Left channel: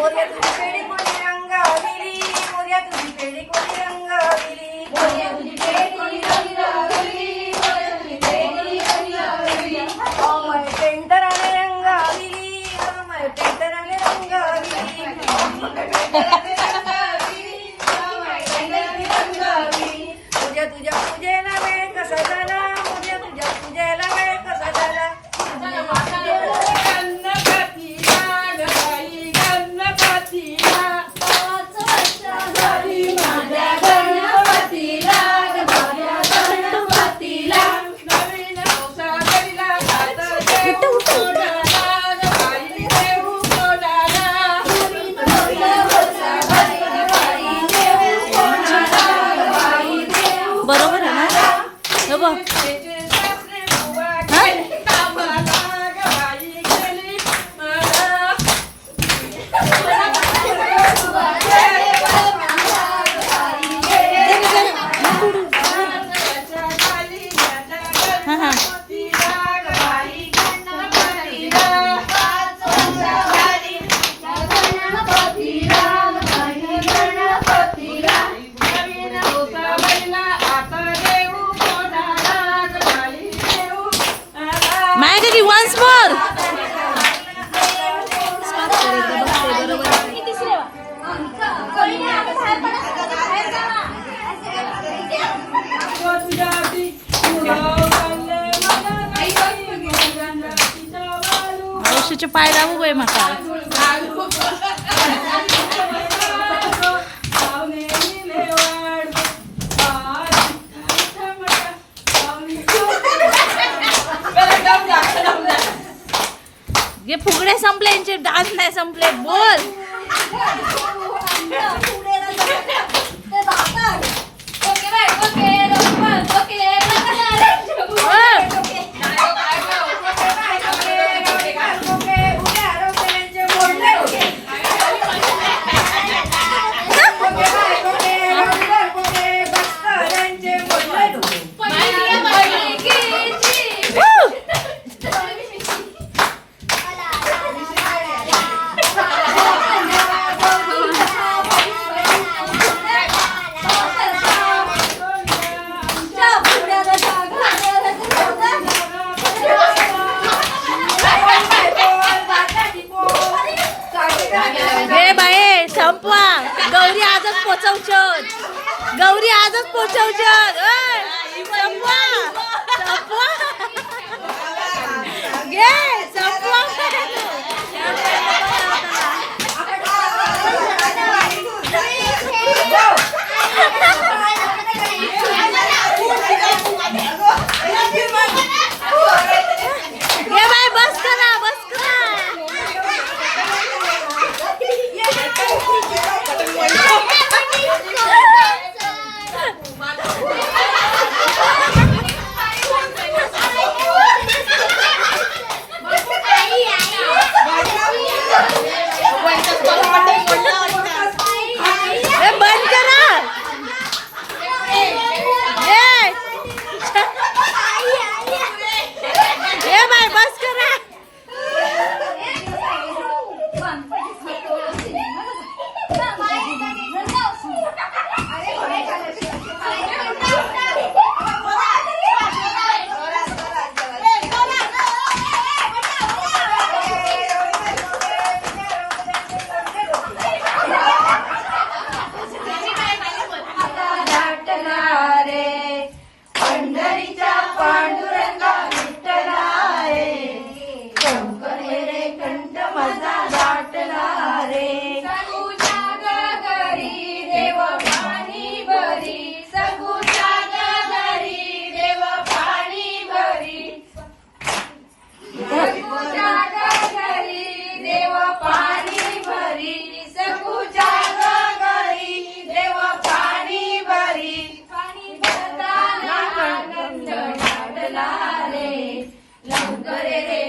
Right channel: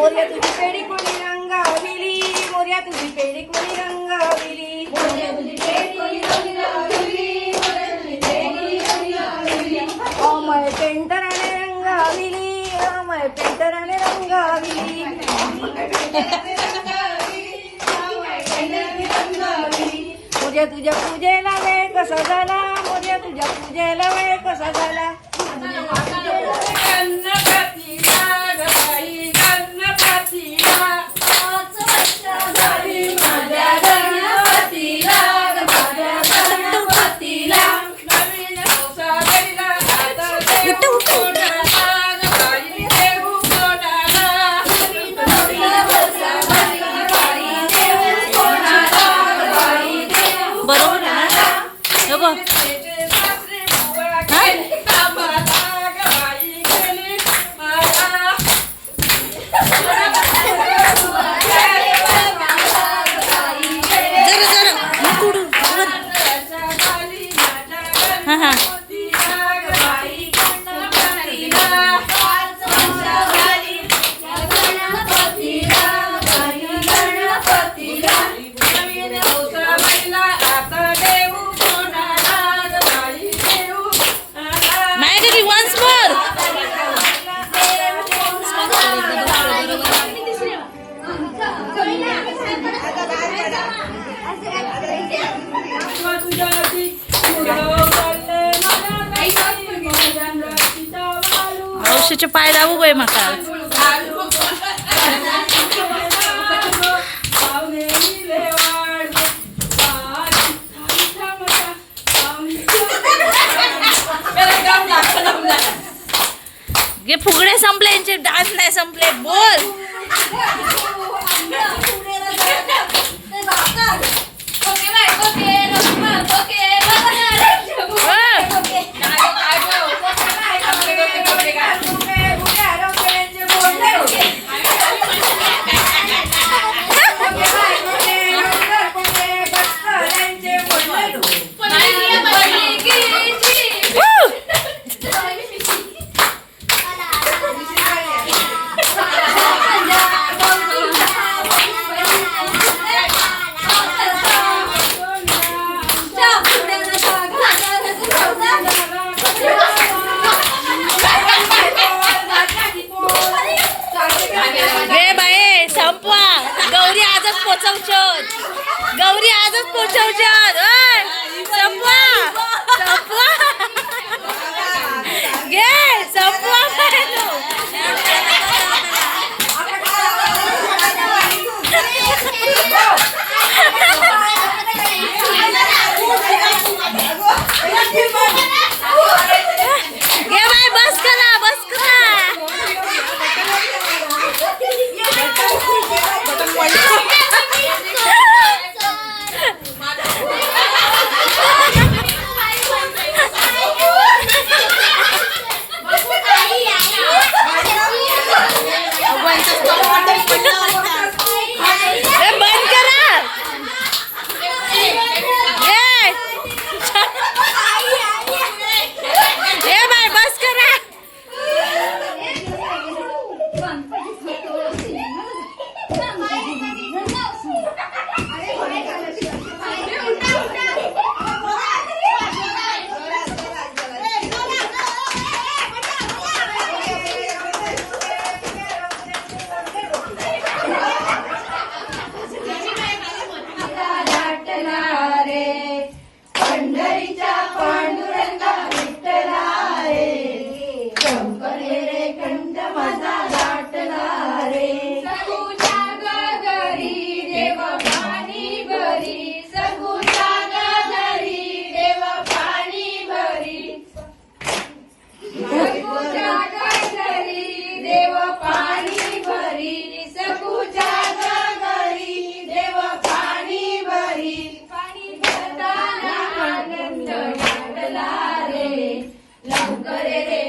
मोर्या तुझी पेढी कोणी रंगविली, मोर्या तुझी पेढी कोणी रंगविली, मोर्या तुझी पेढी कोणी रंगविली, मोर्या तुझी पेढी कोणी रंगविली. अमय पेंटराने रंगविली, अमय पेंटराने रंगविली, तुझ्या तुझ्या पूजेला वेळ कसा झाला, तुझ्या तुझ्या पूजेला वेळ कसा झाला. गणपतीला गबाई गणपतीला, 5 वर्ष झाली माझ्या गणपतीला, माझ्या गणपतीला. नवीन औषधीला गबाई देऊ कोणाला, नवीन गबाई देऊ कोणाला, गबाई देऊ. बरोबर आहे ना? हो बघ. हा. Maggie, once more. औषधचे पाय दाबू गय माका. गे फुगडे संपले, यांचे डान्स नाही संपले. बोल. गौरी आजच पोचवचोत, गौरी आजच पोचवचोत. संपवा संपवा गे संपवा. गे बाय बस करा, बस करा. बंद करा. ये बाय बस करा. लवकर रे